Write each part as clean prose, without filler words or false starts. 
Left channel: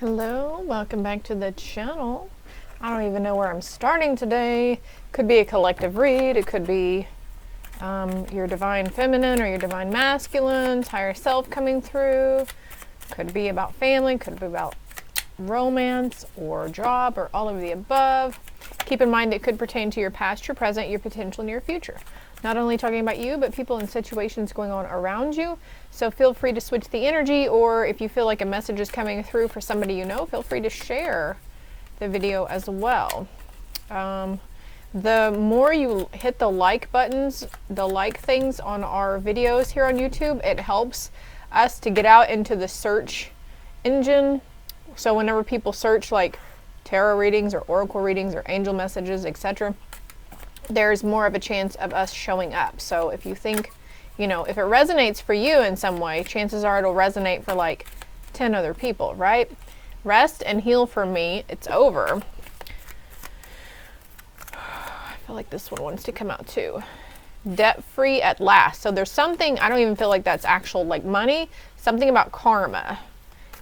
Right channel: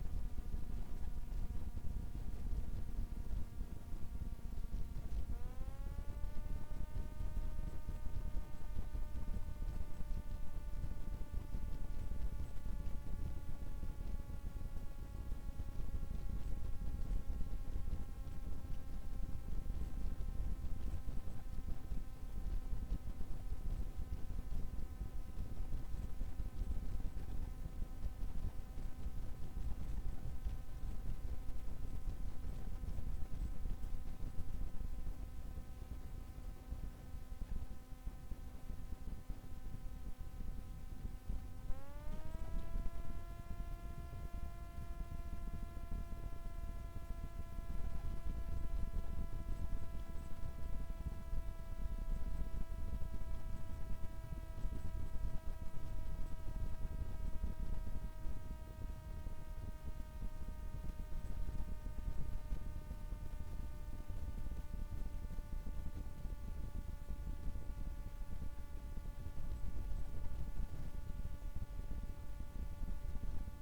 Hello, welcome back to the channel. I don't even know where I'm starting today. Could be a collective read. It could be your divine feminine or your divine masculine, higher self coming through. Could be about family, could be about romance or job or all of the above. Keep in mind it could pertain to your past, your present, your potential, and your future. Not only talking about you, but people and situations going on around you. So feel free to switch the energy, or if you feel like a message is coming through for somebody you know, feel free to share the video as well. The more you hit the like buttons, the like things on our videos here on YouTube, it helps us to get out into the search engine. So whenever people search like tarot readings or oracle readings or angel messages, etc., there's more of a chance of us showing up. So if you think, you know, if it resonates for you in some way, chances are it'll resonate for like 10 other people, right? Rest and heal for me. It's over. I feel like this one wants to come out too. Debt free at last. So there's something, I don't even feel like that's actual like money, something about karma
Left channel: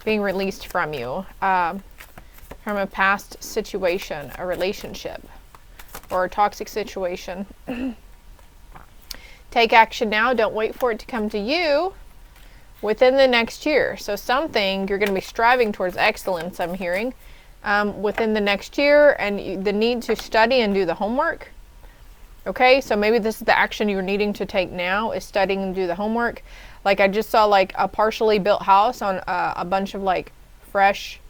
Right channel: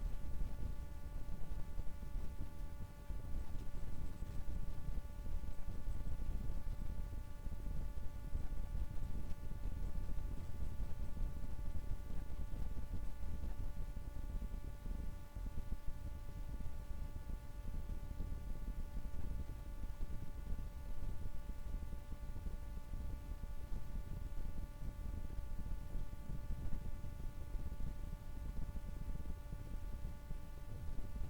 being released from you, from a past situation, a relationship, or a toxic situation. Take action now. Don't wait for it to come to you within the next year. So something you're going to be striving towards excellence, I'm hearing, within the next year, and the need to study and do the homework. Okay, so maybe this is the action you're needing to take now, is studying and do the homework. Like I just saw like a partially built house on a bunch of like fresh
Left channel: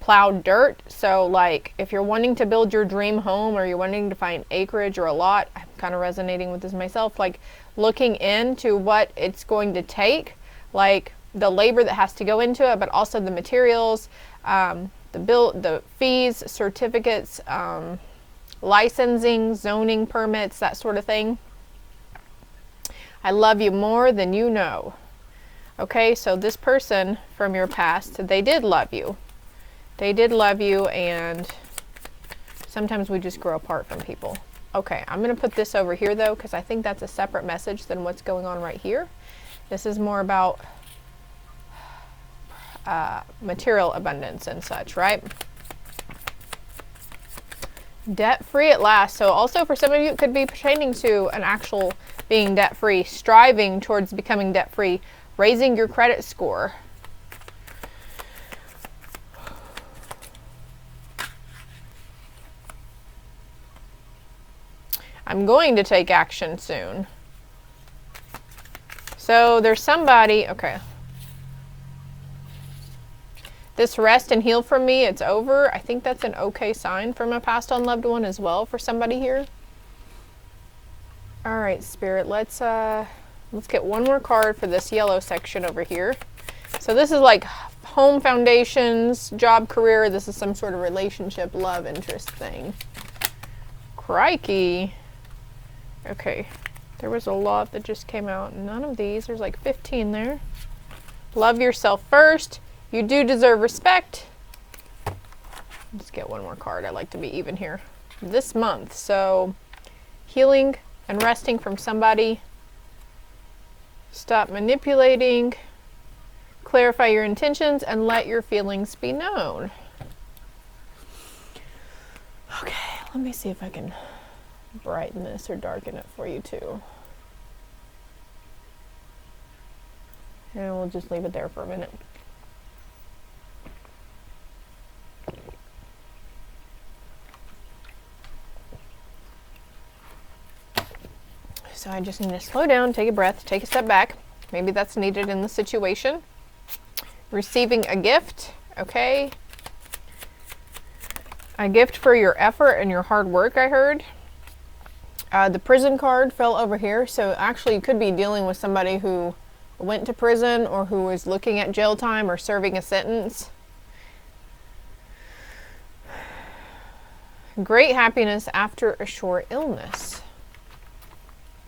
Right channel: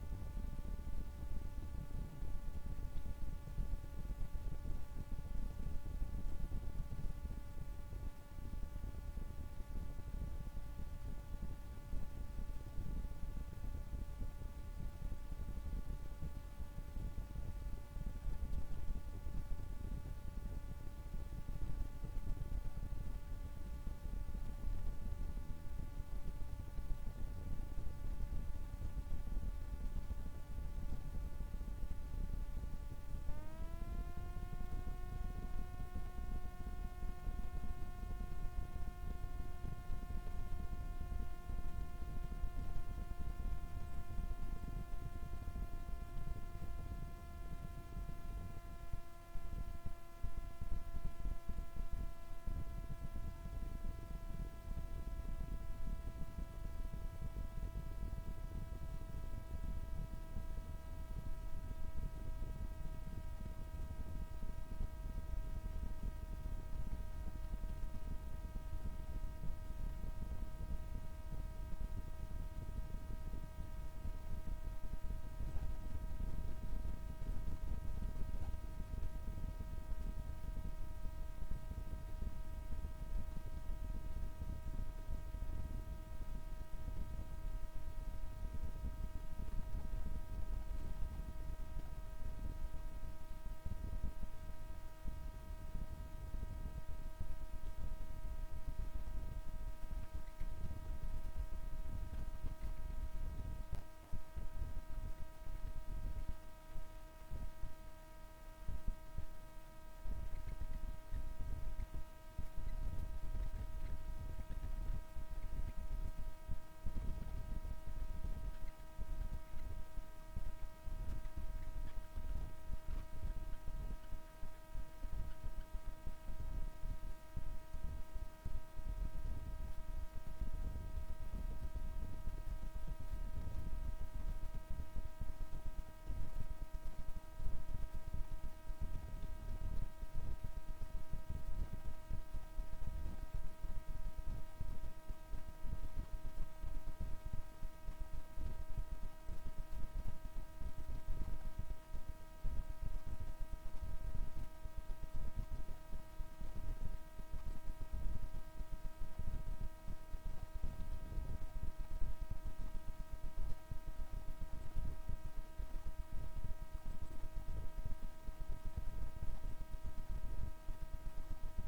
plowed dirt. So like if you're wanting to build your dream home, or you're wanting to find acreage or a lot, I'm kind of resonating with this myself, like looking into what it's going to take, like the labor that has to go into it, but also the materials, the fees, certificates, licensing, zoning permits, that sort of thing. I love you more than you know. Okay, so this person from your past, they did love you. They did love you, and sometimes we just grow apart from people. Okay, I'm going to put this over here though, because I think that's a separate message than what's going on right here. This is more about material abundance and such, right? Debt free at last. So also for some of you, it could be pertaining to an actual being debt free, striving towards becoming debt free, raising your credit score. I'm going to take action soon. So there's somebody, okay. This rest and heal from me, it's over. I think that's an okay sign from a passed on loved one as well for somebody here. All right, Spirit, let's get one more card for this yellow section over here. So this is like home foundations, job, career. This is some sort of relationship, love, interest thing. Crikey. Okay, there was a lot that just came out. None of these. There's like 15 there. Love yourself first. You do deserve respect. Let's get one more card. I like to be even here. This month. So healing and resting from somebody. Stop manipulating. Clarify your intentions and let your feelings be known. Okay, let me see if I can brighten this or darken it for you too. And we'll just leave it there for a minute. So I just need to slow down, take a breath, take a step back. Maybe that's needed in the situation. Receiving a gift, okay? A gift for your effort and your hard work, I heard. The prison card fell over here, so actually you could be dealing with somebody who went to prison or who was looking at jail time or serving a sentence. Great happiness after a short illness.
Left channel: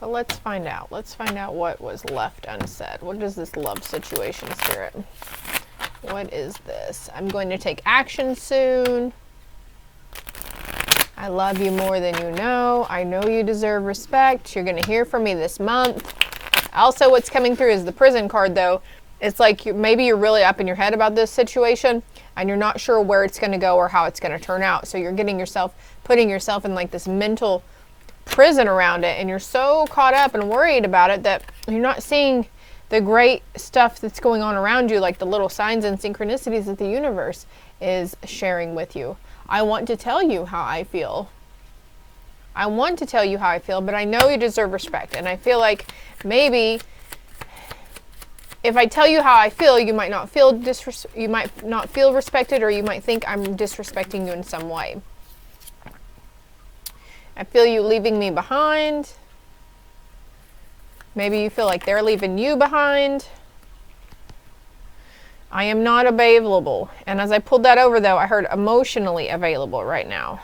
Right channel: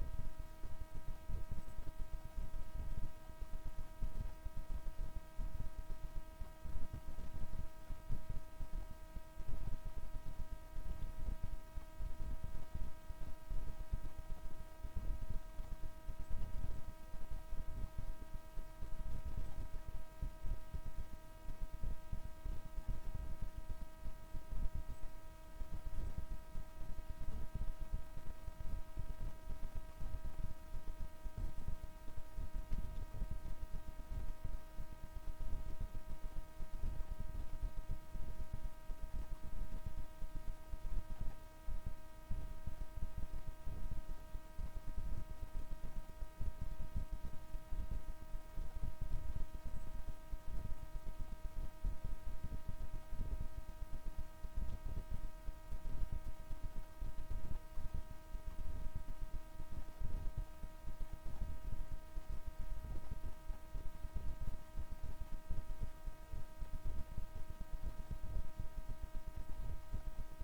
But let's find out. Let's find out what was left unsaid. What is this love situation, Spirit? What is this? I'm going to take action soon. I love you more than you know. I know you deserve respect. You're going to hear from me this month. Also, what's coming through is the prison card, though. It's like maybe you're really up in your head about this situation and you're not sure where it's going to go or how it's going to turn out. So you're putting yourself in like this mental prison around it, and you're so caught up and worried about it that you're not seeing the great stuff that's going on around you, like the little signs and synchronicities that the universe is sharing with you. I want to tell you how I feel. I want to tell you how I feel, but I know you deserve respect. And I feel like maybe if I tell you how I feel, you might not feel respected, or you might think I'm disrespecting you in some way. I feel you leaving me behind. Maybe you feel like they're leaving you behind. I am not available. And as I pulled that over, though, I heard emotionally available right now.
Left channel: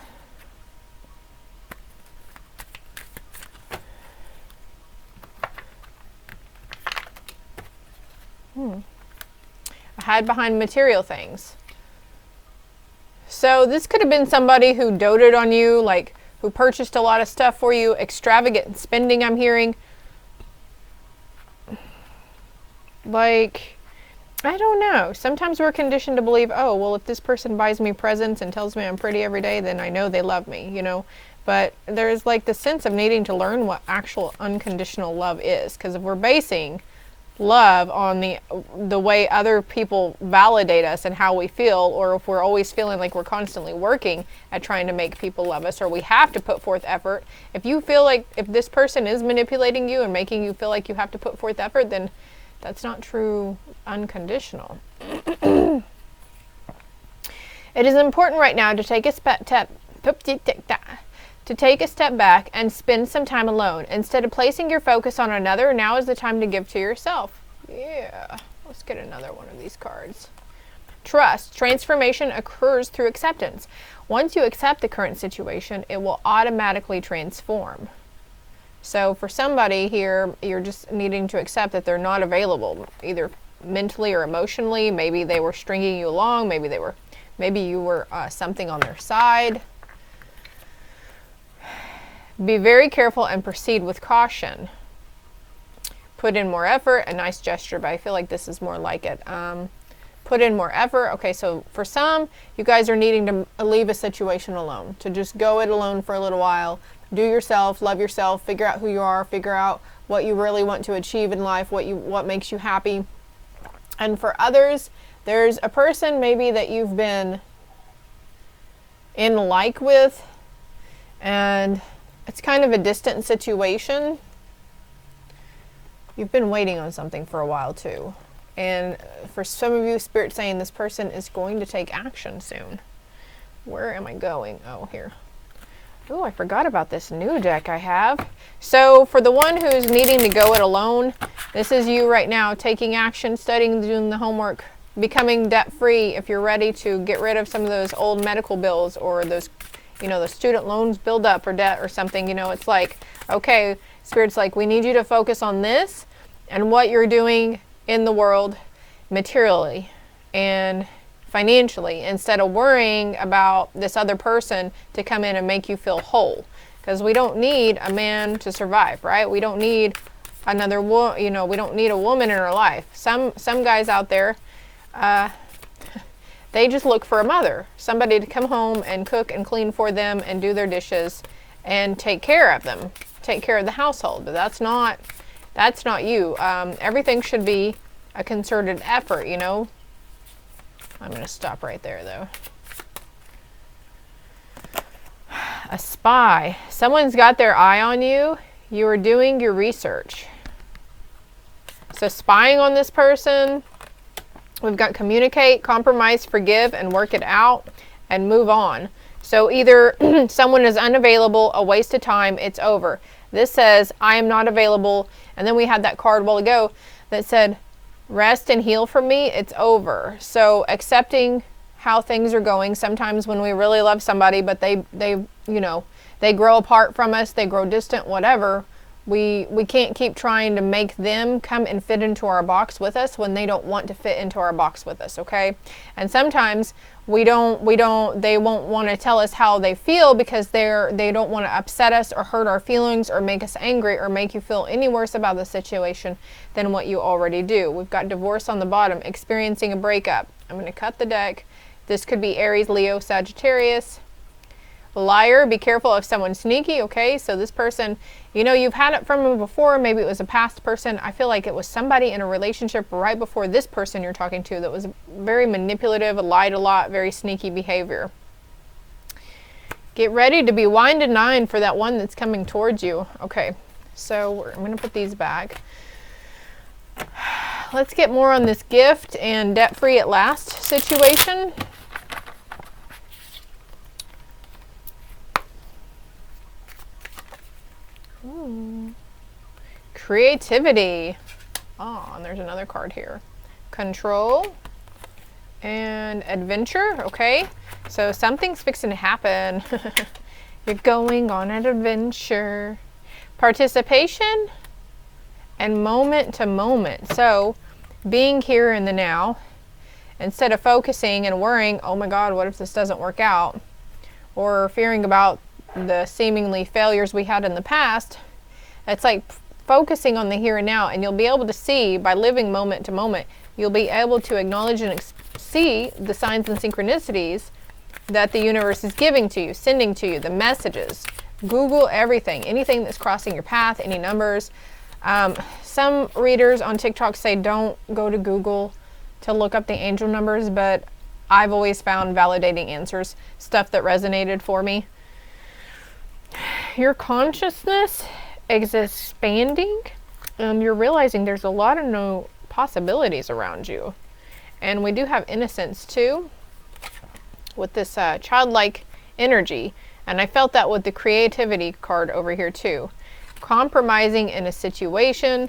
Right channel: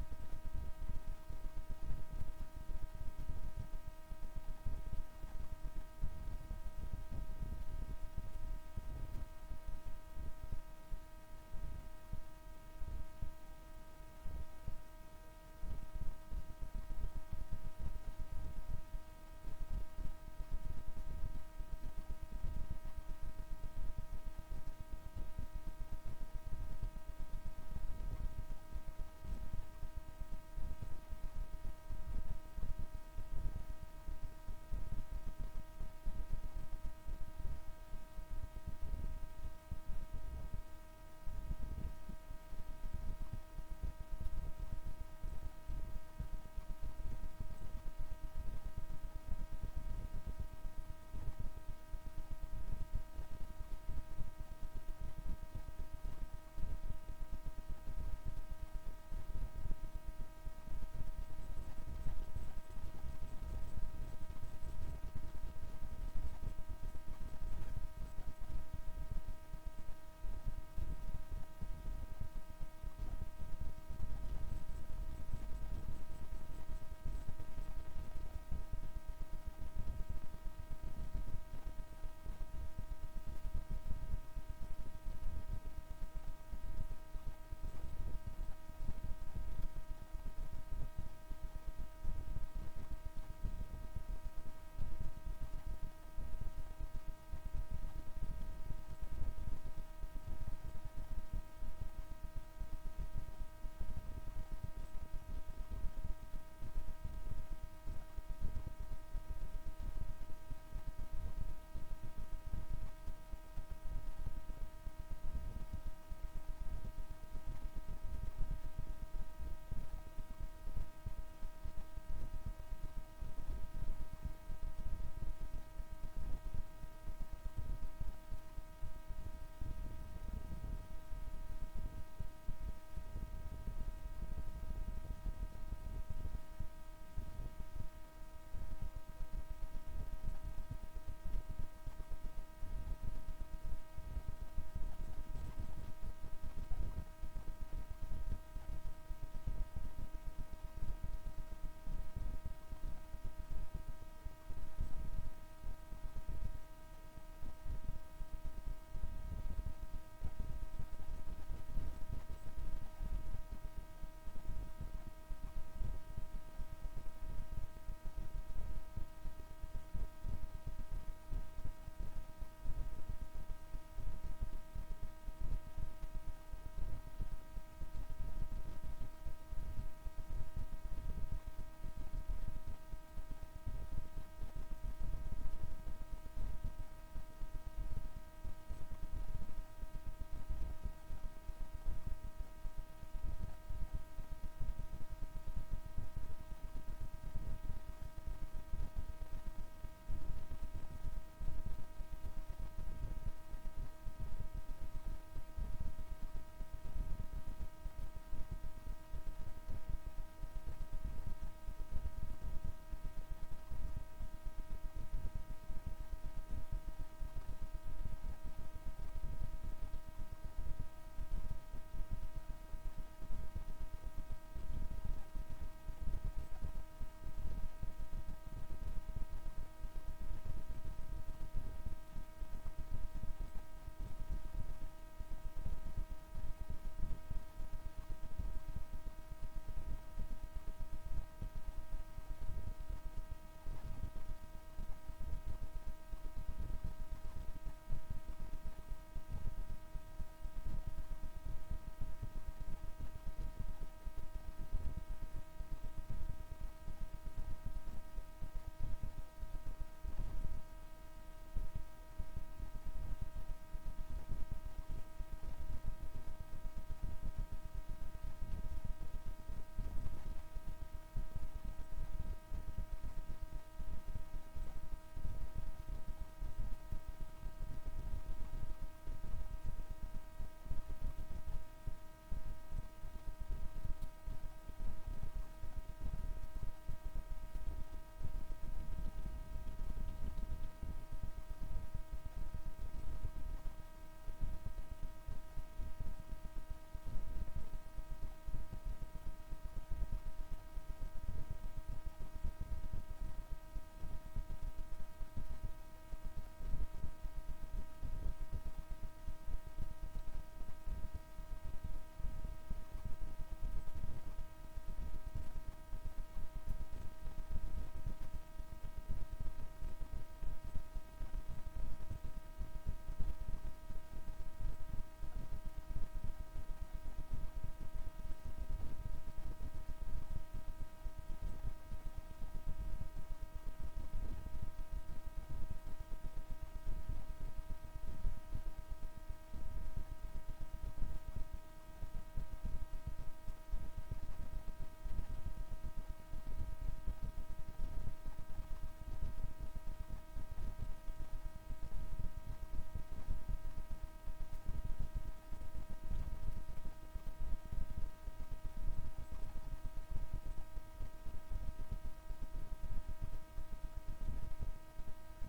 I hide behind material things. So this could have been somebody who doted on you, like who purchased a lot of stuff for you, extravagant spending, I'm hearing. Like, I don't know. Sometimes we're conditioned to believe, oh, well, if this person buys me presents and tells me I'm pretty every day, then I know they love me, you know. But there's like the sense of needing to learn what actual unconditional love is. Because if we're basing love on the way other people validate us and how we feel, or if we're always feeling like we're constantly working at trying to make people love us, or we have to put forth effort, if you feel like if this person is manipulating you and making you feel like you have to put forth effort, then that's not true unconditional. It is important right now to take a step back and spend some time alone. Instead of placing your focus on another, now is the time to give to yourself. Yeah, let's get another one of these cards. Trust. Transformation occurs through acceptance. Once you accept the current situation, it will automatically transform. So for somebody here, you're just needing to accept that they're not available, either mentally or emotionally. Maybe they were stringing you along. Maybe you were something on their side. Be very careful and proceed with caution. Put in more effort, a nice gesture, but I feel like this is more like it. Put in more effort. Okay, so for some, you guys are needing to leave a situation alone, to just go it alone for a little while. Do yourself, love yourself, figure out who you are, figure out what you really want to achieve in life, what makes you happy. And for others, there's a person maybe that you've been in like with, and it's kind of a distant situation. You've been waiting on something for a while too. And for some of you, Spirit's saying this person is going to take action soon. Where am I going? Oh, here. Oh, I forgot about this new deck I have. So for the one who's needing to go it alone, this is you right now taking action, studying, doing the homework, becoming debt-free if you're ready to get rid of some of those old medical bills, or those, you know, the student loans build up, or debt or something. You know, it's like, okay, Spirit's like, we need you to focus on this and what you're doing in the world materially and financially, instead of worrying about this other person to come in and make you feel whole. Because we don't need a man to survive, right? We don't need another we don't need a woman in our life. Some guys out there, they just look for a mother, somebody to come home and cook and clean for them and do their dishes and take care of them, take care of the household. But that's not you. Everything should be a concerted effort, you know. I'm going to stop right there, though. A spy. Someone's got their eye on you. You are doing your research. So spying on this person. We've got communicate, compromise, forgive, and work it out, and move on. So either someone is unavailable, a waste of time, it's over. This says, I am not available. And then we had that card a while ago that said, rest and heal from me, it's over. So accepting how things are going. Sometimes when we really love somebody, but they grow apart from us, they grow distant, whatever, We can't keep trying to make them come and fit into our box with us when they don't want to fit into our box with us, okay? And sometimes they won't want to tell us how they feel because they don't want to upset us or hurt our feelings or make us angry or make you feel any worse about the situation than what you already do. We've got divorce on the bottom, experiencing a breakup. I'm going to cut the deck. This could be Aries, Leo, Sagittarius. Liar, be careful if someone's sneaky, okay? So this person, you know, you've had it from them before. Maybe it was a past person. I feel like it was somebody in a relationship right before this person you're talking to that was very manipulative, lied a lot, very sneaky behavior. Get ready to be wined and dined for that one that's coming towards you. Okay, so I'm going to put these back. Let's get more on this gift and debt-free at last situation. Ooh. Creativity. Oh, and there's another card here. Control and adventure. Okay, so something's fixing to happen. You're going on an adventure. Participation and moment to moment. So being here in the now, instead of focusing and worrying, oh my God, what if this doesn't work out? Or fearing about the seemingly failures we had in the past. It's like focusing on the here and now, and you'll be able to see by living moment to moment, you'll be able to acknowledge and see the signs and synchronicities that the universe is giving to you, sending to you, the messages. Google everything, anything that's crossing your path, any numbers. Some readers on TikTok say don't go to Google to look up the angel numbers, but I've always found validating answers, stuff that resonated for me. Your consciousness is expanding, and you're realizing there's a lot of new possibilities around you. And we do have innocence too, with this childlike energy. And I felt that with the creativity card over here too. Compromising in a situation.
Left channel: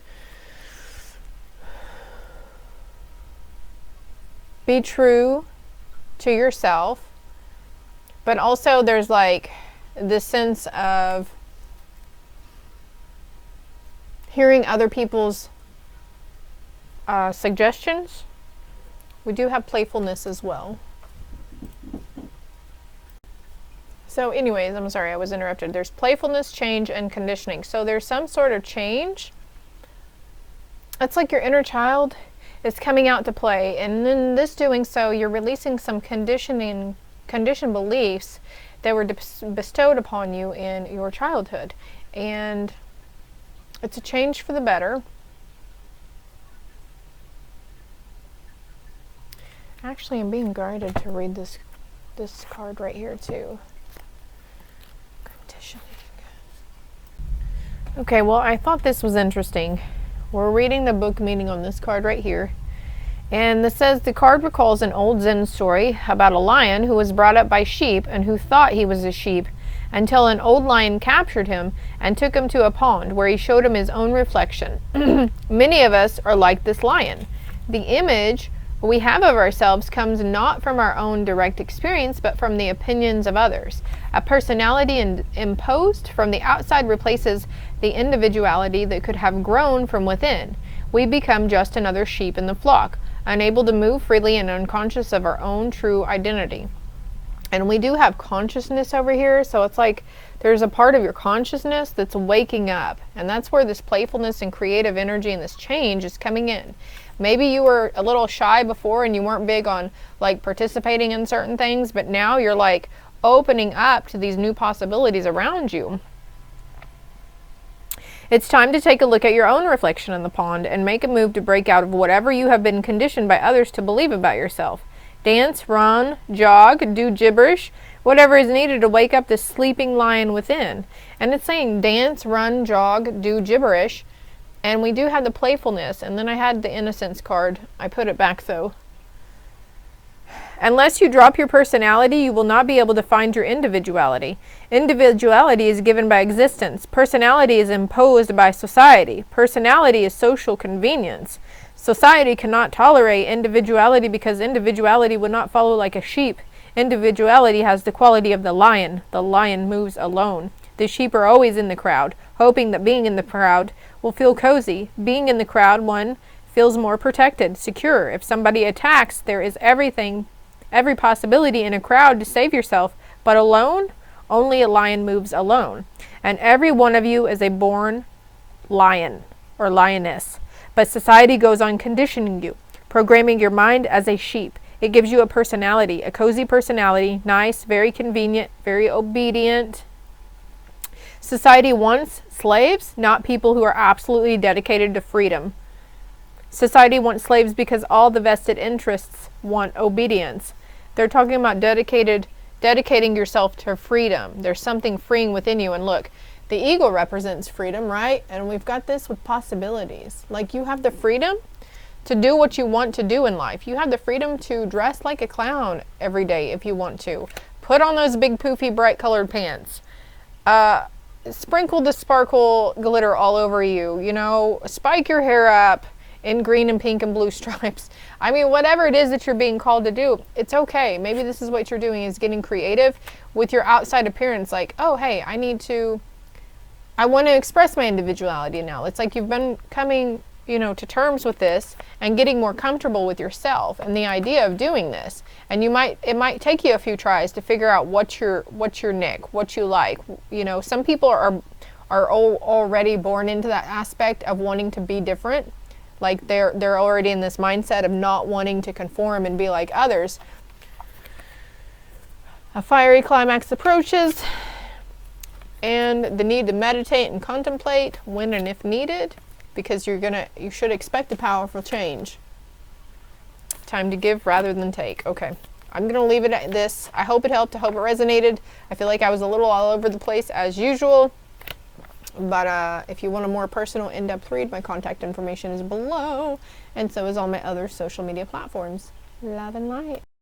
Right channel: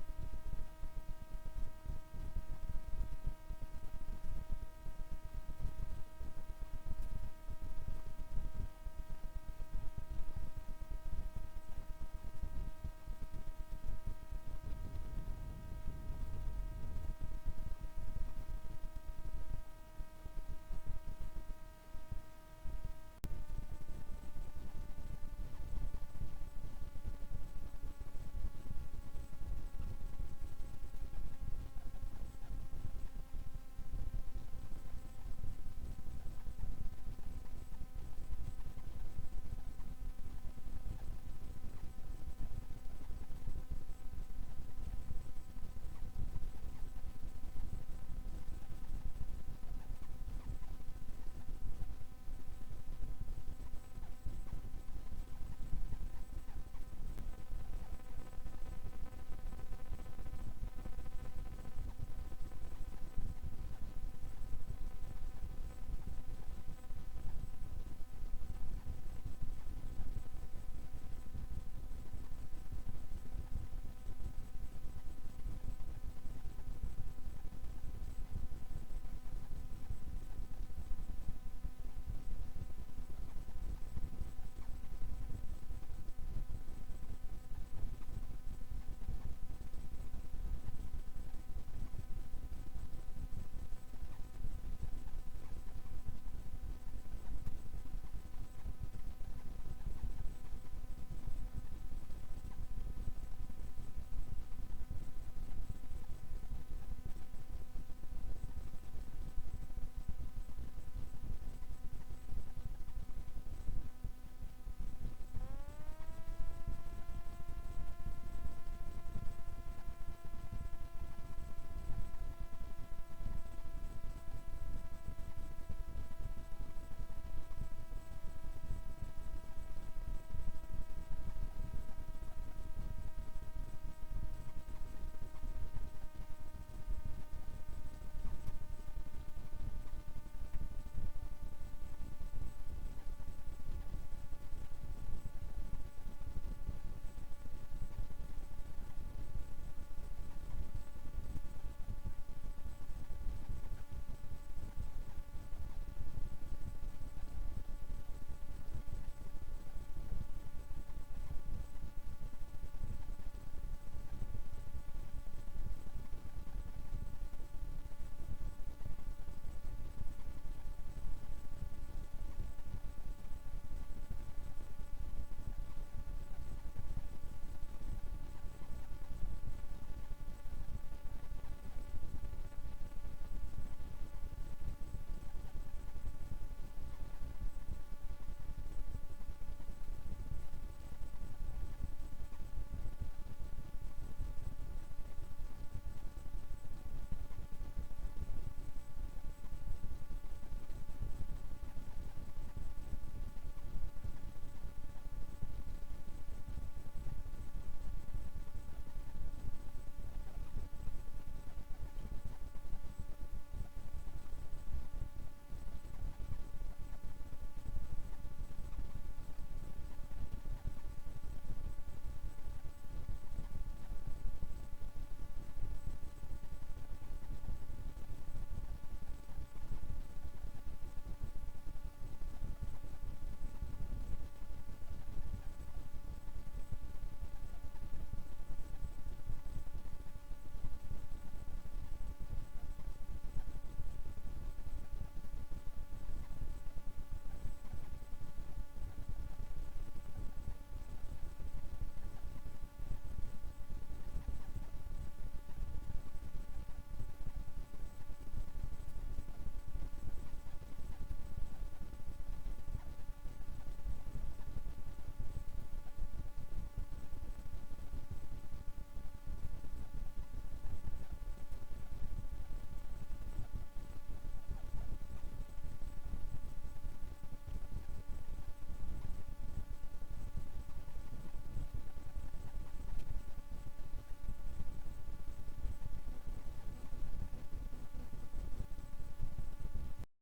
Be true to yourself. But also there's like this sense of hearing other people's suggestions. We do have playfulness as well. So anyways, I'm sorry, I was interrupted. There's playfulness, change, and conditioning. So there's some sort of change. It's like your inner child is coming out to play, and in this doing so, you're releasing some conditioned beliefs that were bestowed upon you in your childhood. And it's a change for the better. Actually, I'm being guided to read this card right here too. Conditioning. Okay, well, I thought this was interesting. We're reading the book meaning on this card right here. And this says, the card recalls an old Zen story about a lion who was brought up by sheep and who thought he was a sheep until an old lion captured him and took him to a pond where he showed him his own reflection. Many of us are like this lion. The image we have of ourselves comes not from our own direct experience, but from the opinions of others. A personality imposed from the outside replaces the individuality that could have grown from within. We become just another sheep in the flock, unable to move freely and unconscious of our own true identity. And we do have consciousness over here, so it's like there's a part of your consciousness that's waking up, and that's where this playfulness and creative energy and this change is coming in. Maybe you were a little shy before and you weren't big on like participating in certain things, but now you're like opening up to these new possibilities around you. It's time to take a look at your own reflection in the pond and make a move to break out of whatever you have been conditioned by others to believe about yourself. Dance, run, jog, do gibberish, whatever is needed to wake up the sleeping lion within. And it's saying dance, run, jog, do gibberish. And we do have the playfulness. And then I had the innocence card. I put it back though. Unless you drop your personality, you will not be able to find your individuality. Individuality is given by existence. Personality is imposed by society. Personality is social convenience. Society cannot tolerate individuality because individuality would not follow like a sheep. Individuality has the quality of the lion. The lion moves alone. The sheep are always in the crowd, hoping that being in the crowd will feel cozy. Being in the crowd, one feels more protected, secure. If somebody attacks, there is every possibility in a crowd to save yourself. But alone, only a lion moves alone. And every one of you is a born lion or lioness. But society goes on conditioning you, programming your mind as a sheep. It gives you a personality, a cozy personality, nice, very convenient, very obedient. Society wants slaves, not people who are absolutely dedicated to freedom. Society wants slaves because all the vested interests want obedience. They're talking about dedicating yourself to freedom. There's something freeing within you. And look, the eagle represents freedom, right? And we've got this with possibilities. Like, you have the freedom to do what you want to do in life. You have the freedom to dress like a clown every day if you want to. Put on those big poofy bright colored pants. Sprinkle the sparkle glitter all over you. You know, spike your hair up in green and pink and blue stripes. I mean, whatever it is that you're being called to do, it's okay. Maybe this is what you're doing, is getting creative with your outside appearance. Like, oh, hey, I want to express my individuality now. It's like you've been coming, to terms with this and getting more comfortable with yourself and the idea of doing this. And it might take you a few tries to figure out what's your nick, what you like. Some people are already born into that aspect of wanting to be different. Like they're already in this mindset of not wanting to conform and be like others. A fiery climax approaches, and the need to meditate and contemplate when and if needed, because you should expect a powerful change. Time to give rather than take. Okay, I'm going to leave it at this. I hope it helped. I hope it resonated. I feel like I was a little all over the place as usual. But if you want a more personal, in-depth read, my contact information is below. And so is all my other social media platforms. Love and light.